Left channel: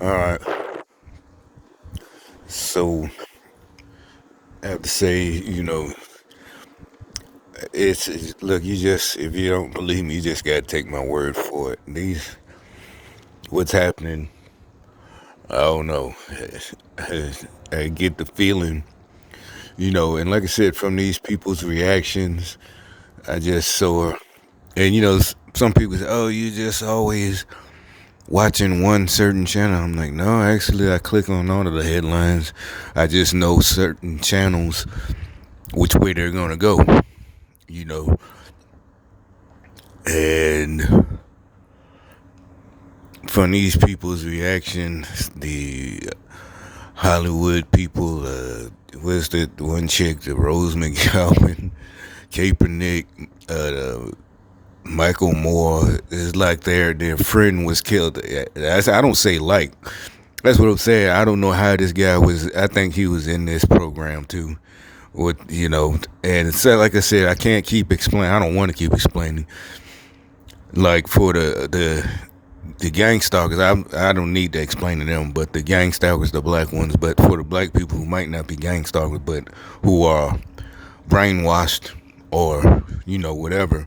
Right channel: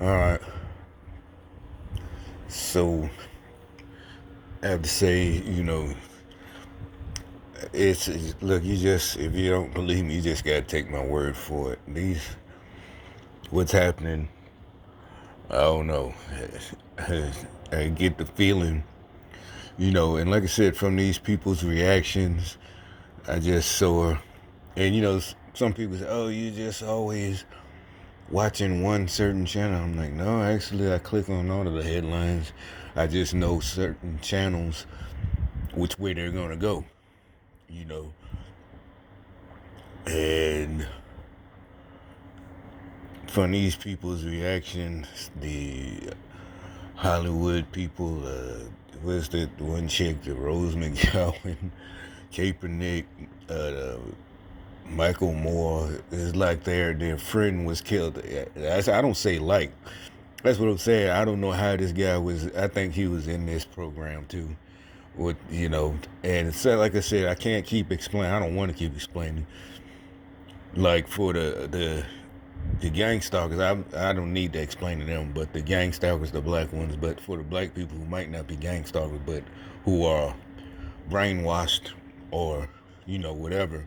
All right. So I have to say, look. You just if you don't believe me, you just gotta take my word for it. What's happening? I don't know. I get the feeling, and like I said, from these people's reactions, I just saw, and some people say, "Oh, you just always watching one certain channel." I'm like, no, actually, I click on all of the headlines. I just know certain channels which way they're gonna go, you know, and from these people's reactions, the Hollywood people, where's the one chick, the Rose McGowan, Kaepernick, Michael Moore, is like their friend was killed. I don't say like. That's what I'm saying. I don't know how this guy was. I think he was in this program too. What and so like I said, I can't keep explaining. I don't want to keep explaining. Like for the gang stalkers, I don't need to explain to them. But the gang stalkers, the black ones. But for the black people who might not be gang stalkers, but who are brainwashed or whatever,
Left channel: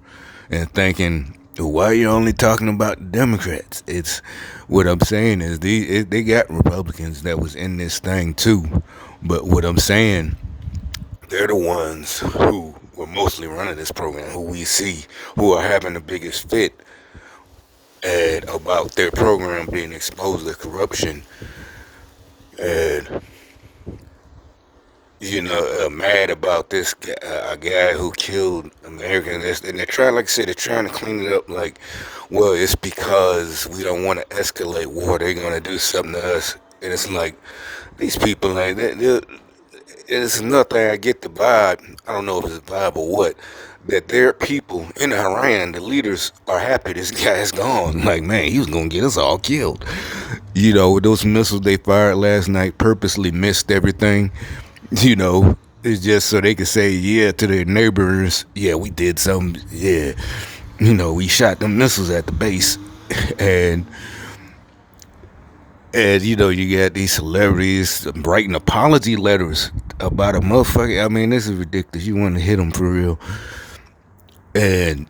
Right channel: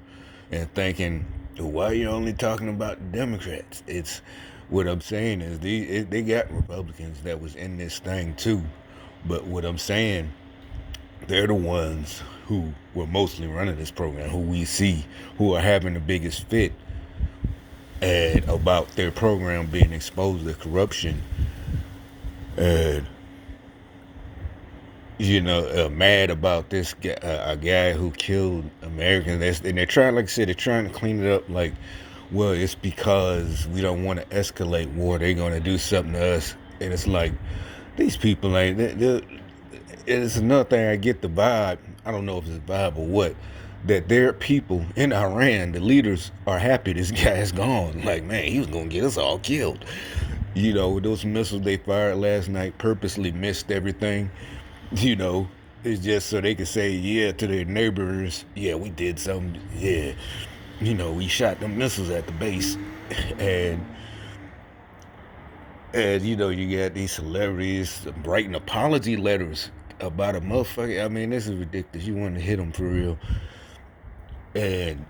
and thinking, why are you only talking about the Democrats? It's what I'm saying is they got Republicans that was in this thing too, but what I'm saying, they're the ones who were mostly running this program, who we see who are having the biggest fit and about their program being exposed to corruption and mad about this guy, a guy who killed Americans, and they're trying, like I said, they're trying to clean it up. Like, well, it's because we don't want to escalate war. They're gonna do something to us, and it's like these people, like, it's nothing. I get the vibe. I don't know if it's a vibe or what. That their people in Iran, the leaders, are happy this guy's gone. Like, man, he was gonna get us all killed. Those missiles they fired last night purposely missed everything. It's just so they could say, yeah, to their neighbors, yeah, we did something. Yeah, we shot them missiles at the base. and you got these celebrities writing apology letters about a motherfucker. I mean, this is ridiculous. You want to hit them for real. And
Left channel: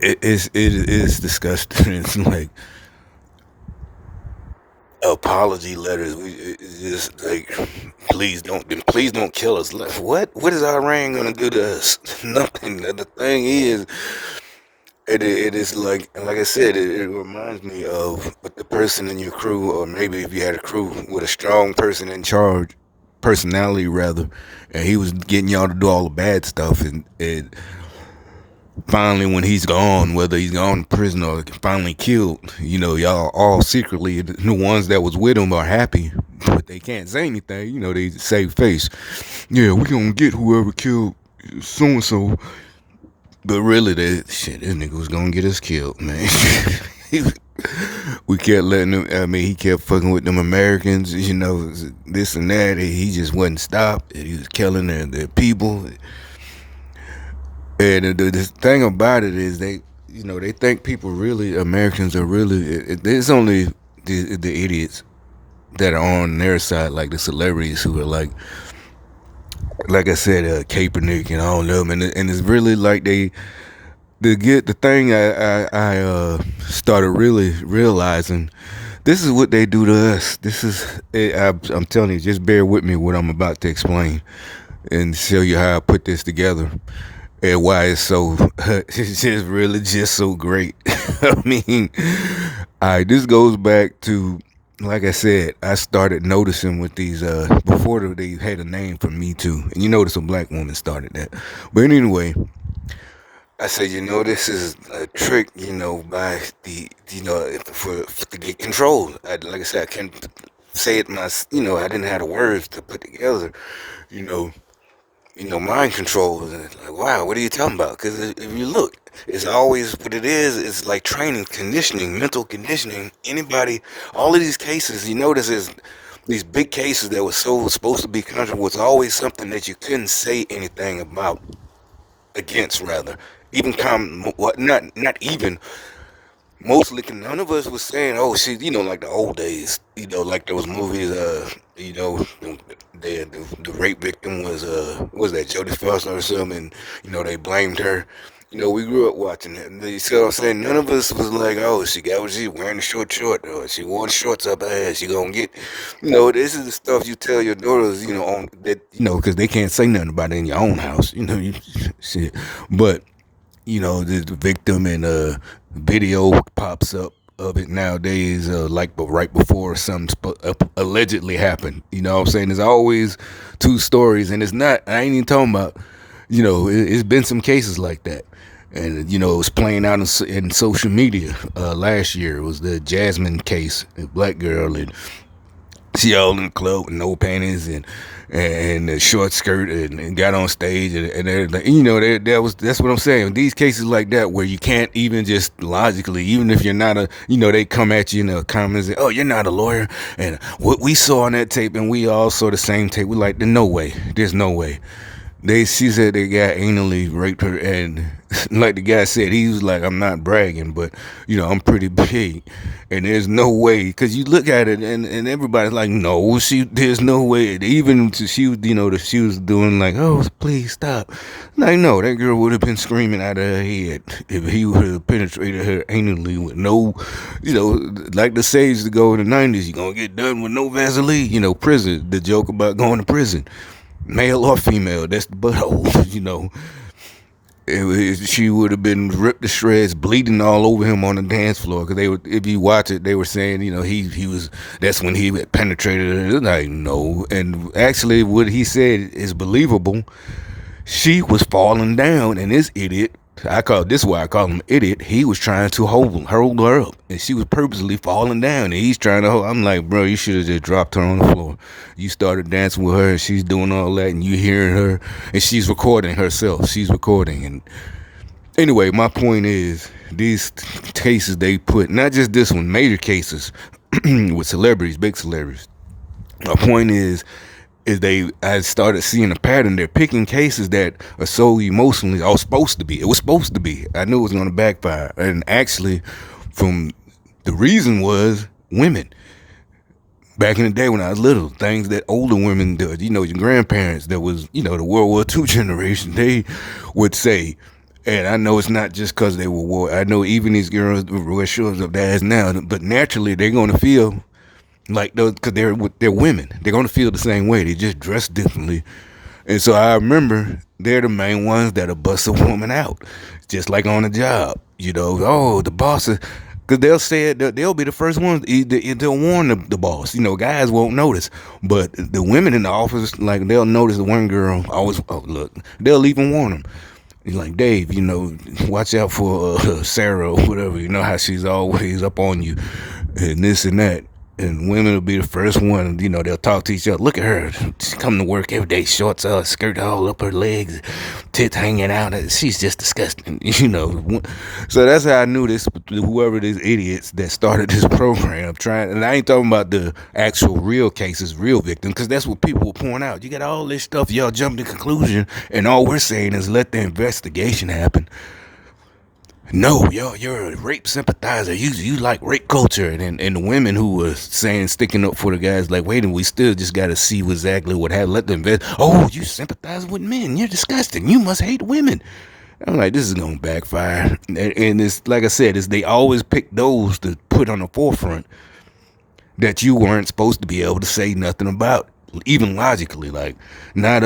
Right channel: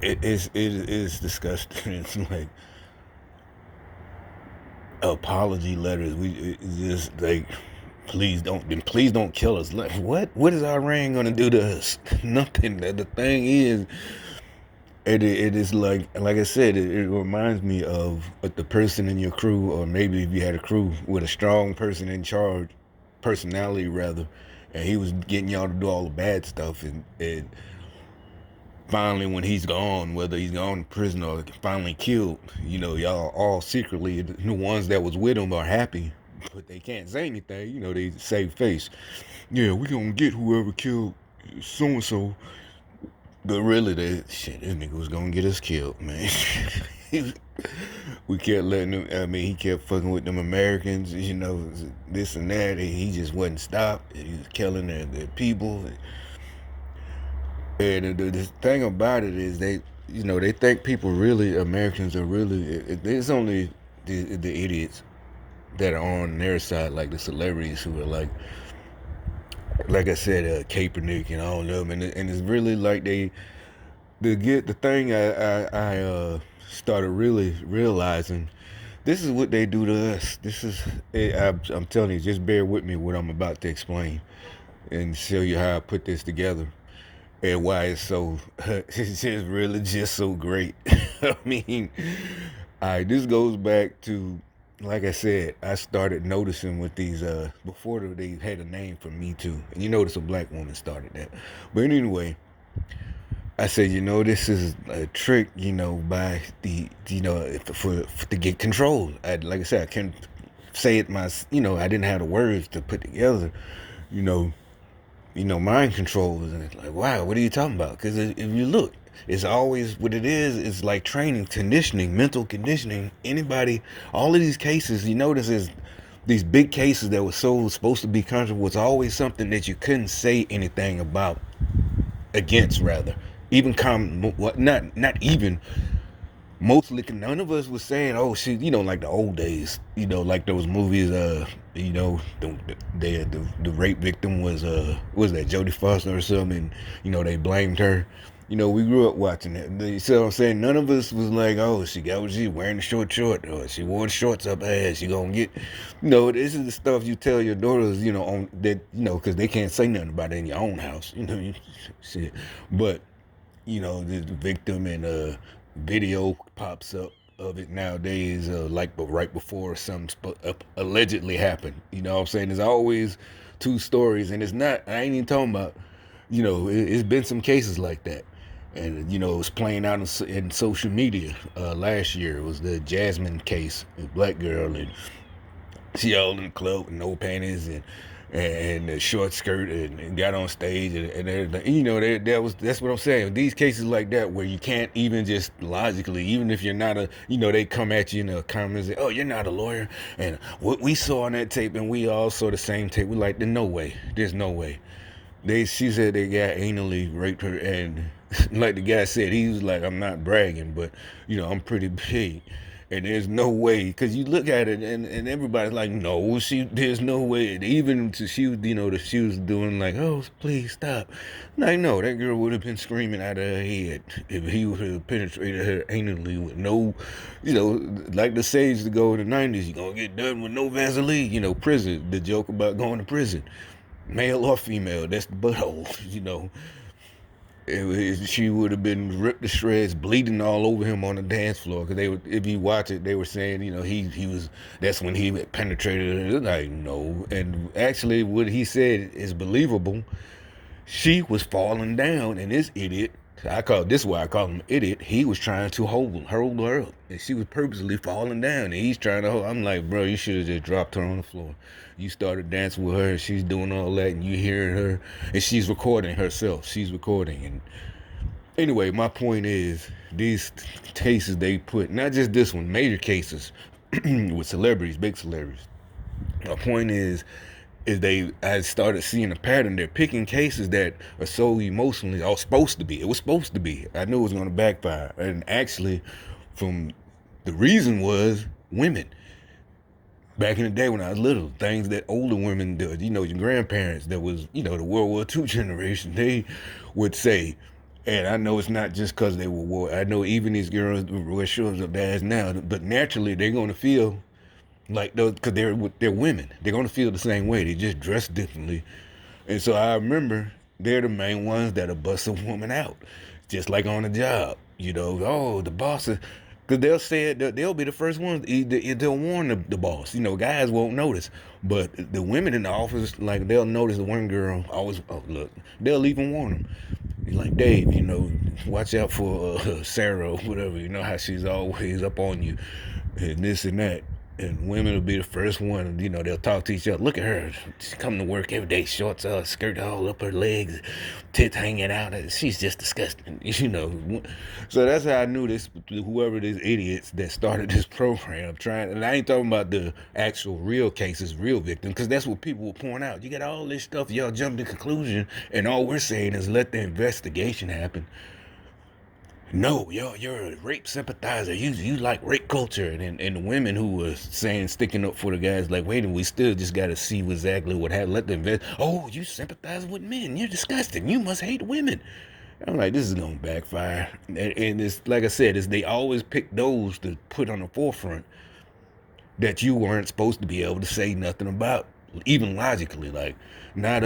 it is disgusting. It's like apology letters. It's just like, please don't kill us. Like, what is Iran gonna do to us? Nothing. The thing is, it is like I said, it reminds me of the person in your crew, or maybe if you had a crew with a strong person in charge, personality rather, and he was getting y'all to do all the bad stuff, and finally when he's gone, whether he's gone to prison or finally killed, y'all all secretly, the ones that was with him are happy, but they can't say anything. They save face. Yeah, we gonna get whoever killed so and so. But really, this nigga was gonna get us killed, man. We kept letting him. I mean, he kept fucking with them Americans, this and that. He just wouldn't stop. He was killing their people. And the thing about it is they think people really, Americans are really, it's only the idiots that are on their side, like the celebrities who are like I said, Kaepernick and all of them. And it's really like the thing I started really realizing, this is what they do to us. I'm telling you, just bear with me what I'm about to explain and show you how I put this together and why it's so it's just really just so great. I mean, all right, this goes back to, like I said, I started noticing with these before they had a name for Me Too, and you notice a black woman started that. But anyway, I said, this is a trick, by the, for to get control. Like I said, I can't say it I didn't have the words to put together, you know, mind control. And it's like, wow, what are you talking about? Because if you look, it's always what it is. It's like training, conditioning, mental conditioning. Anybody, all of these cases, you notice is these big cases that were so supposed to be controversial was always something that you couldn't say anything about, against rather. Even not even. mostly none of us was saying, oh shit, like the old days, like those movies, the rape victim was that Jodie Foster or something, and, they blamed her. We grew up watching it. And you see what I'm saying? None of us was like, oh, she got what she wearing a short, or she wore shorts up her ass. She gonna get, this is the stuff you tell your daughters, on that, because they can't say nothing about it in your own house, shit. But the victim and video pops up of it nowadays, like but right before something allegedly happened. You know what I'm saying? There's always two stories, and it's not. I ain't even talking about. It's been some cases like that, and it was playing out in social media. Last year it was the Jasmine case, a black girl, and she all in the club with no panties and a short skirt and got on stage and everything. That's what I'm saying. These cases like that where you can't even just logically, even if you're not they come at you in the comments and, oh, you're not a lawyer, and what we saw on that tape and we all saw the same tape. We're like, there's no way. She said they got anally raped her, and like the guy said, he was like, I'm not bragging, but I'm pretty big, and there's no way, because you look at it and everybody's like, no, there's no way. Even she was, she was doing like, oh, please stop. Like, no, that girl would have been screaming out of her head if he would have penetrated her anally with no, like the sage to go in the 90s, you're gonna get done with no Vaseline, prison. The joke about going to prison, male or female, that's the butthole, she would have been ripped to shreds, bleeding all over him on the dance floor. Because if you watch it, they were saying, he was. That's when he penetrated her. Like, no, and actually, what he said is believable. She was falling down, and this idiot. This is why I call him idiot. He was trying to hold her up, and she was purposely falling down, and he's trying to hold. I'm like, bro, you should have just dropped her on the floor. You started dancing with her, and she's doing all that, and you hearing her, and she's recording herself. She's recording, and anyway, my point is these cases they put, not just this one, major cases with celebrities, big celebrities. My point is I started seeing a pattern. They're picking cases that are so emotionally, or supposed to be. It was supposed to be. I knew it was going to backfire. And actually, from the reason was women. Back in the day when I was little, things that older women did, your grandparents that was, the World War II generation, they would say. And I know it's not just because they were war. I know even these girls wear shorts up their ass now, but naturally they're going to feel like those, because they're women. They're gonna feel the same way. They just dress differently, and so I remember they're the main ones that'll bust a woman out, just like on the job. Oh, the boss is, because they'll say it. They'll be the first ones. They'll warn the boss. Guys won't notice, but the women in the office, like, they'll notice. The one girl always, oh, look, they'll even warn them. Like, Dave, watch out for Sarah or whatever. You know how she's always up on you, and this and that. And women will be the first one, they'll talk to each other. Look at her. She's coming to work every day, shorts out, skirt all up her legs, tits hanging out. She's just disgusting, So that's how I knew this, whoever these idiots that started this program trying. And I ain't talking about the actual real cases, real victims, because that's what people will point out. You got all this stuff, y'all jump to conclusion, and all we're saying is let the investigation happen. No, you're a rape sympathizer. You like rape culture, and the women who were saying, sticking up for the guys, like, wait, and we still just got to see exactly what happened. Let them invest. Oh, you sympathize with men. You're disgusting. You must hate women. I'm like, this is gonna backfire. And it's like I said, they always pick those to put on the forefront that you weren't supposed to be able to say nothing about, even logically. Like, not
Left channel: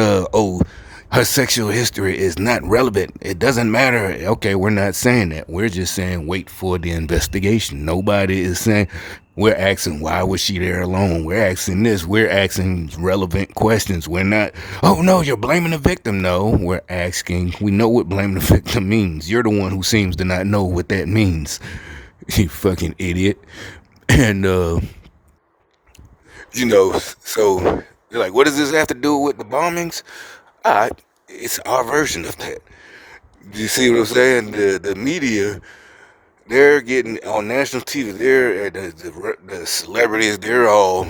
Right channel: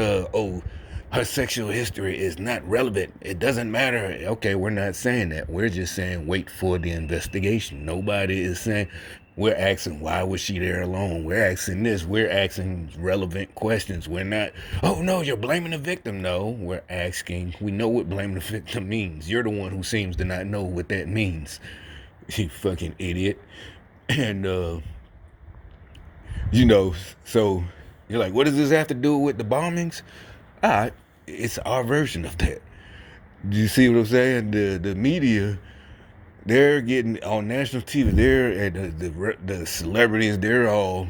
her sexual history is not relevant. It doesn't matter. Okay, we're not saying that. We're just saying wait for the investigation. Nobody is saying, we're asking why was she there alone. We're asking this. We're asking relevant questions. We're not, oh no, you're blaming the victim. No, we're asking. We know what blaming the victim means. You're the one who seems to not know what that means. You fucking idiot. And so you're like, what does this have to do with the bombings? It's our version of that. You see what I'm saying? The media, they're getting on national TV. They're the celebrities. They're all,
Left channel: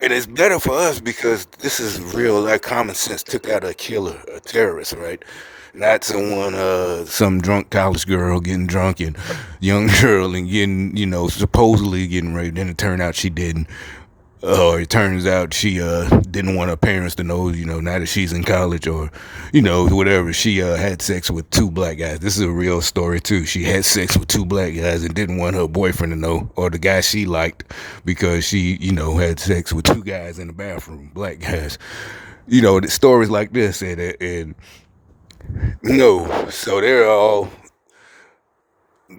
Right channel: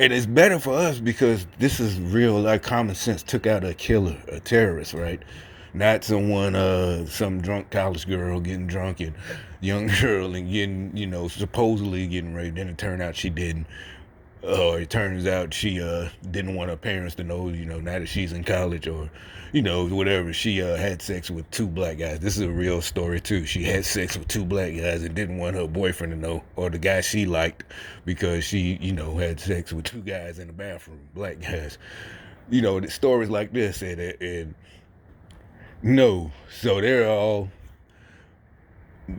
and it's better for us because this is real. Like, common sense took out a killer, a terrorist, right? not some drunk college girl getting drunk and young girl and getting, supposedly getting raped. Then it turned out she didn't. Or it turns out she didn't want her parents to know, now that she's in college or, whatever. She had sex with two black guys. This is a real story, too. She had sex with two black guys and didn't want her boyfriend to know, or the guy she liked, because she, had sex with two guys in the bathroom, black guys. The stories like this. And so they're all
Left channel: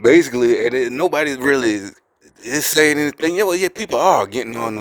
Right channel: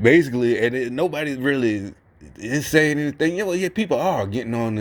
basically, and nobody's really is saying anything. Yeah, people are getting on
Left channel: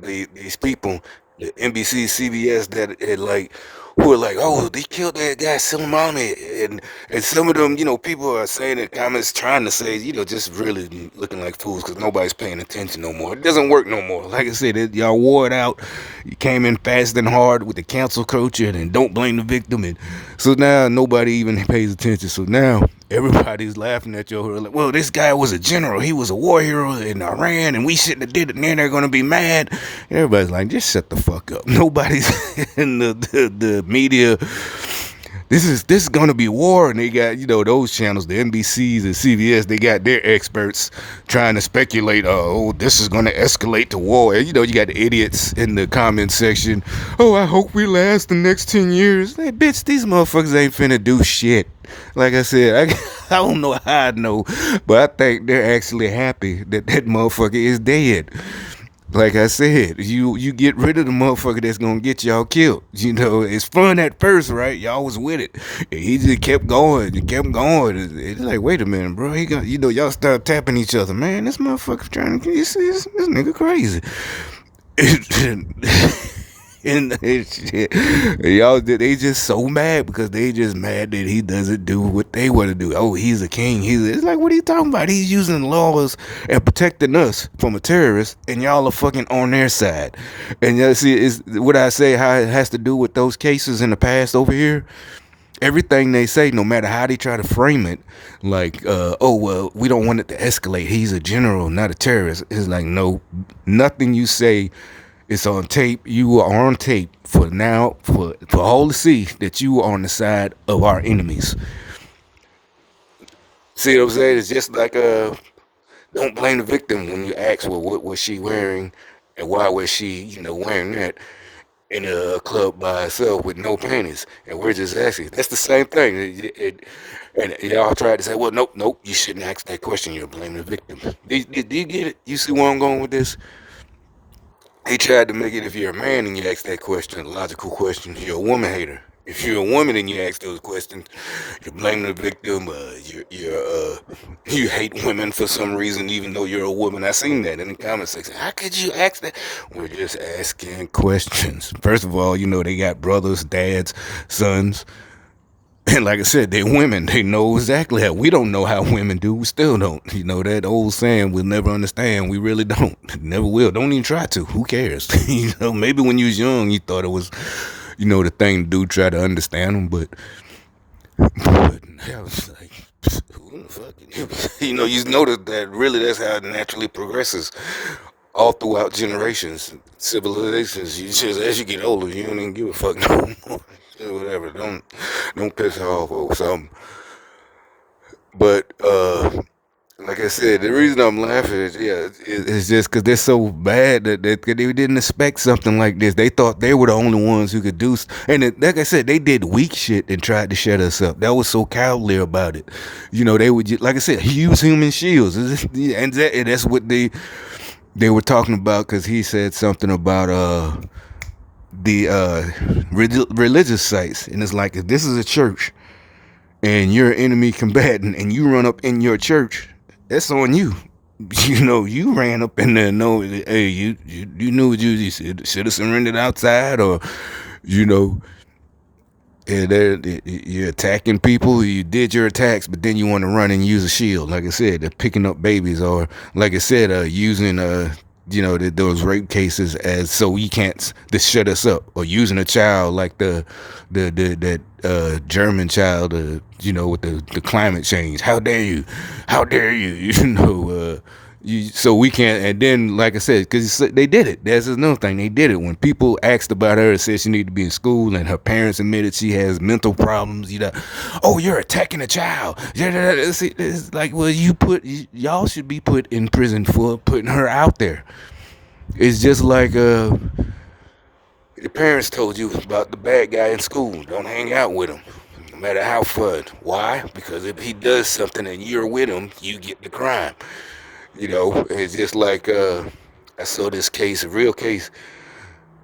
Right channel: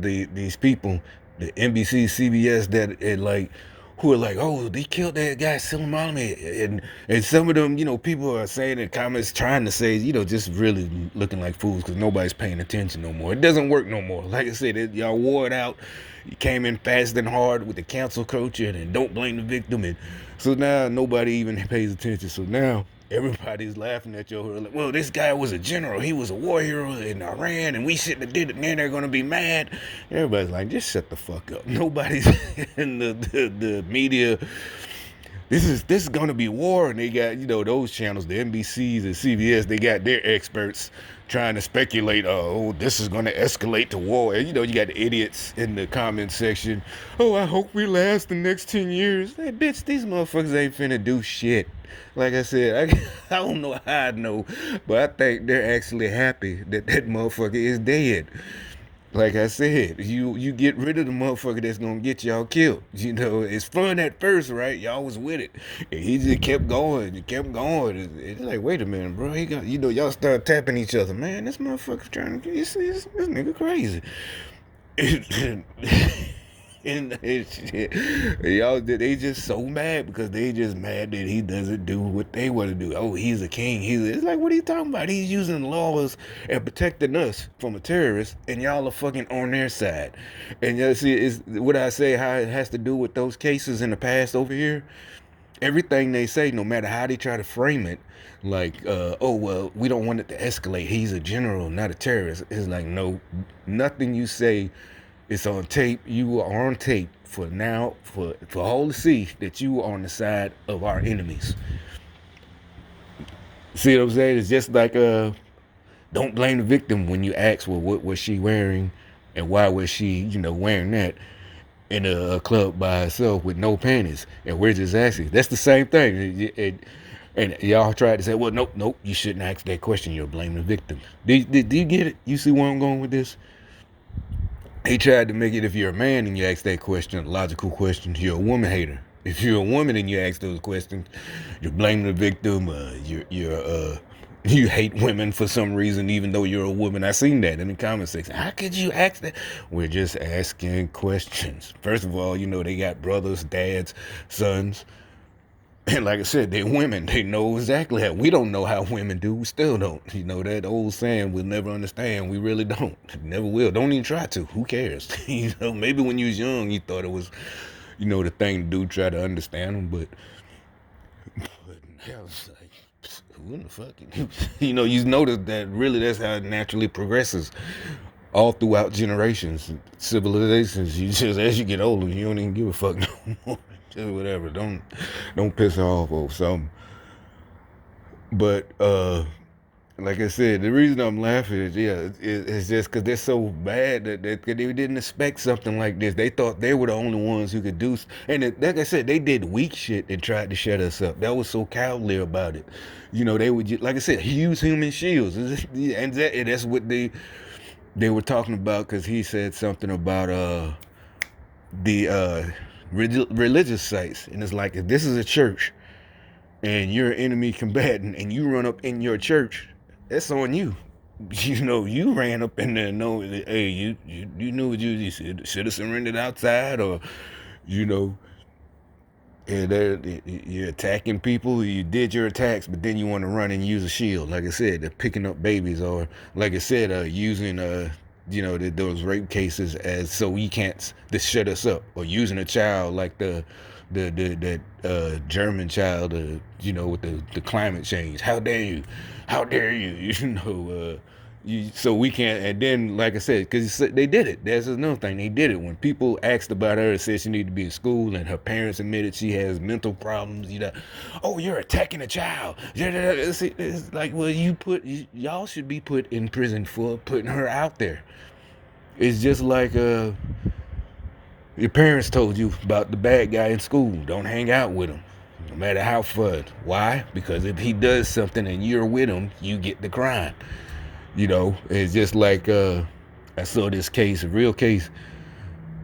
these people, the NBC, CBS that like who are like, oh, they killed that guy Soleimani, and some of them, people are saying in comments trying to say, just really looking like fools because nobody's paying attention no more. It doesn't work no more. Like I said, y'all wore it out. You came in fast and hard with the cancel culture and don't blame the victim, and so now nobody even pays attention. So now everybody's laughing at your like, well, this guy was a general. He was a war hero in Iran, and we shouldn't have did it. And then they're gonna be mad. Everybody's like, just shut the fuck up. Nobody's in the media. This is gonna be war, and they got those channels, the NBCs and CBS. They got their experts trying to speculate. Oh, this is gonna escalate to war. And, you got the idiots in the comment section. Oh, I hope we last the next 10 years. Hey, bitch, these motherfuckers ain't finna do shit. Like I said, I don't know how I know, but I think they're actually happy that motherfucker is dead. Like I said, you get rid of the motherfucker that's gonna get y'all killed. It's fun at first, right? Y'all was with it. And he just kept going and kept going. It's like, wait a minute, bro. He got, y'all start tapping each other. Man, this motherfucker trying to this nigga crazy. And y'all, they just so mad because they just mad that he doesn't do what they want to do. Oh, he's a king. It's like, what are you talking about? He's using laws and protecting us from a terrorist, and y'all are fucking on their side. And you see, is what I say, how it has to do with those cases in the past over here. Everything they say, no matter how they try to frame it, like, oh, well, we don't want it to escalate. He's a general, not a terrorist. It's like, no, nothing you say. It's on tape. You are on tape for now, for all to see that you are on the side of our enemies. See what I'm saying? It's just like, don't blame the victim when you ask, well, what was she wearing and why was she, wearing that in a club by herself with no panties? And we're just asking. That's the same thing. And y'all tried to say, well, nope, you shouldn't ask that question. You're blaming the victim. Do you get it? You see where I'm going with this? He tried to make it, if you're a man and you ask that question, a logical question, you're a woman hater. If you're a woman and you ask those questions, you're blaming the victim. You hate women for some reason, even though you're a woman. I seen that in the comment section. How could you ask that? We're just asking questions. First of all, they got brothers, dads, sons. And like I said, they're women. They know exactly how. We don't know how women do. We still don't. That old saying, we'll never understand. We really don't. Never will. Don't even try to. Who cares? Maybe when you was young, you thought it was, the thing to do, try to understand them. But I was like, who the fuck? You notice that really that's how it naturally progresses all throughout generations, civilizations. You just, as you get older, you don't even give a fuck no more. Whatever, don't piss off or something. But like I said, the reason I'm laughing is it's just because they're so bad that they didn't expect something like this. They thought they were the only ones who could do, and like I said, they did weak shit and tried to shut us up. That was so cowardly about it. They would just, like I said, use human shields, and that's what they were talking about, because he said something about the religious sites, and it's like, if this is a church and you're an enemy combatant and you run up in your church, that's on you. You ran up in there, hey, you knew what you should have surrendered outside, or and you're attacking people. You did your attacks, but then you want to run and use a shield. Like I said, they're picking up babies, or like I said, using those rape cases as so you can't just shut us up, or using a child like that German child, with the climate change. How dare you? So we can't. And then, like I said, because they did it. That's another thing. They did it when people asked about her, said she needed to be in school, and her parents admitted she has mental problems. Oh, you're attacking a child. It's like, well, y'all should be put in prison for putting her out there. It's just like your parents told you about the bad guy in school. Don't hang out with him, no matter how fun. Why? Because if he does something and you're with him, you get the crime. It's just like I saw this case, a real case.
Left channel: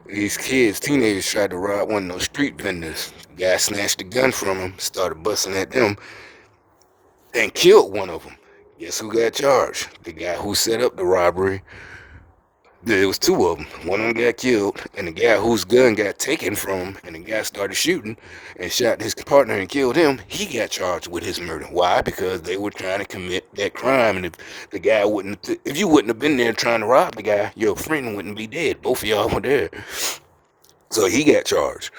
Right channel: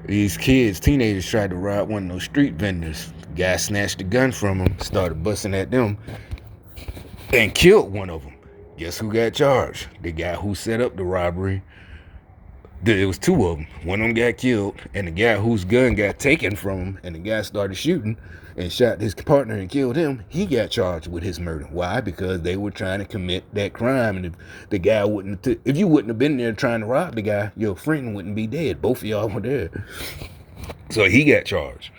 These kids, teenagers, tried to rob one of those street vendors. The guy snatched the gun from him, started busting at them, and killed one of them. Guess who got charged? The guy who set up the robbery. There was two of them. One of them got killed, and the guy whose gun got taken from him, and the guy started shooting and shot his partner and killed him. He got charged with his murder. Why? Because they were trying to commit that crime, and if you wouldn't have been there trying to rob the guy, your friend wouldn't be dead. Both of y'all were there, so he got charged.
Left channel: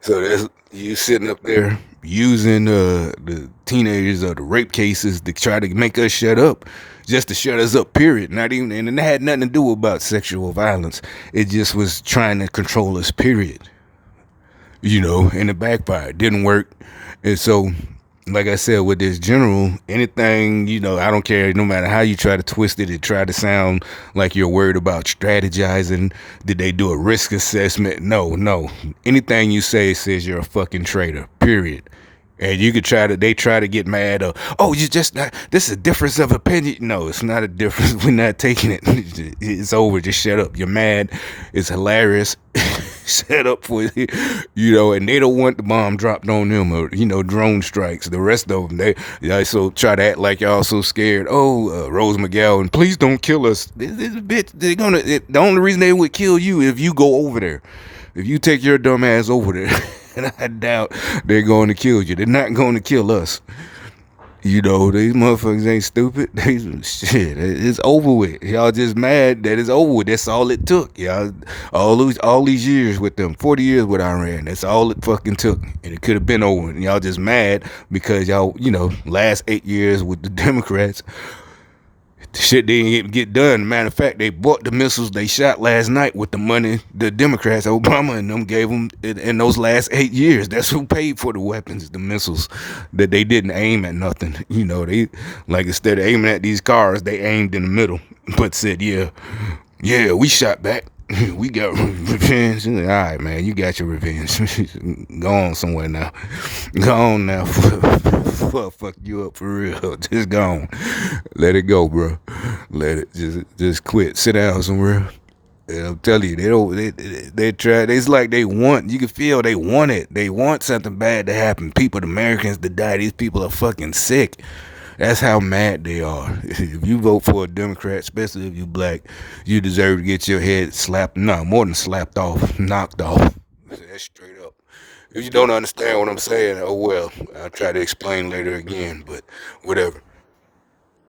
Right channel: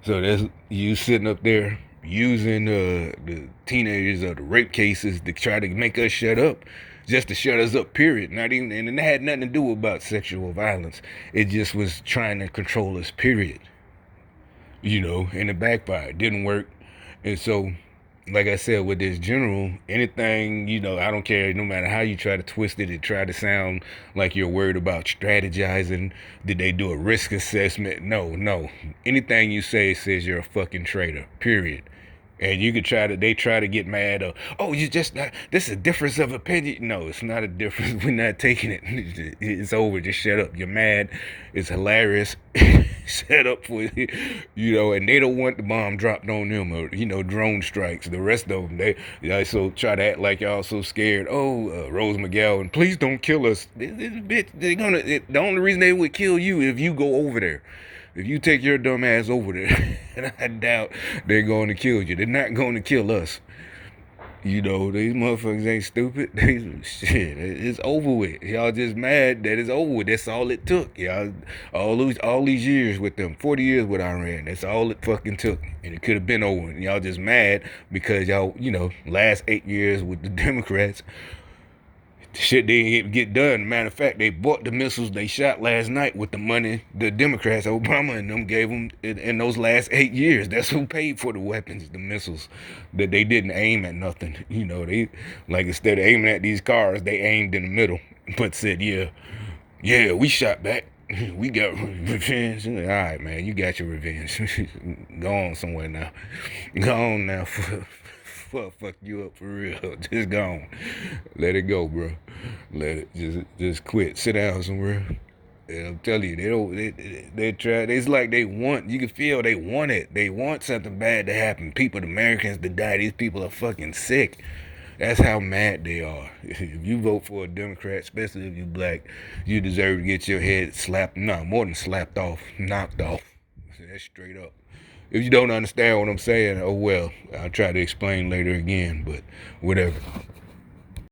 So that's you sitting up there using the teenagers or the rape cases to try to make us shut up, just to shut us up. Period. Not even, and it had nothing to do about sexual violence. It just was trying to control us. Period. And it backfired. Didn't work. And so, like I said, with this general, anything, I don't care, no matter how you try to twist it try to sound like you're worried about strategizing. Did they do a risk assessment? No. Anything you say says you're a fucking traitor, period. And you could they try to get mad oh, you just not, this is a difference of opinion. No, it's not a difference. We're not taking it. It's over. Just shut up. You're mad. It's hilarious. Set up for and they don't want the bomb dropped on them or, drone strikes. The rest of them, they also try to act like y'all so scared. Oh, Rose McGowan, please don't kill us. This bitch, the only reason they would kill you if you go over there. If you take your dumb ass over there, and I doubt they're going to kill you. They're not going to kill us. These motherfuckers ain't stupid. Shit, it's over with. Y'all just mad that it's over with. That's all it took. Y'all, all these years with them, 40 years with Iran. That's all it fucking took. And it could have been over. And y'all just mad because y'all, last 8 years with the Democrats, the shit didn't even get done. Matter of fact, they bought the missiles they shot last night with the money the Democrats, Obama and them, gave them in those last 8 years. That's who paid for the weapons, the missiles, that they didn't aim at nothing. They, like, instead of aiming at these cars, they aimed in the middle, but said, yeah, we shot back. We got revenge. All right, man, you got your revenge. Go on somewhere now. Go on now. Fuck you up for real. Just go on. Let it go, bro. Let it. Just quit. Sit down somewhere. And I'm telling you, they try. It's like they want. You can feel they want it. They want something bad to happen. People, Americans, to die. These people are fucking sick. That's how mad they are. If you vote for a Democrat, especially if you black, you deserve to get your head slapped. No, more than slapped off, knocked off. That's straight up. If you don't understand what I'm saying, oh well. I'll try to explain later again, but whatever.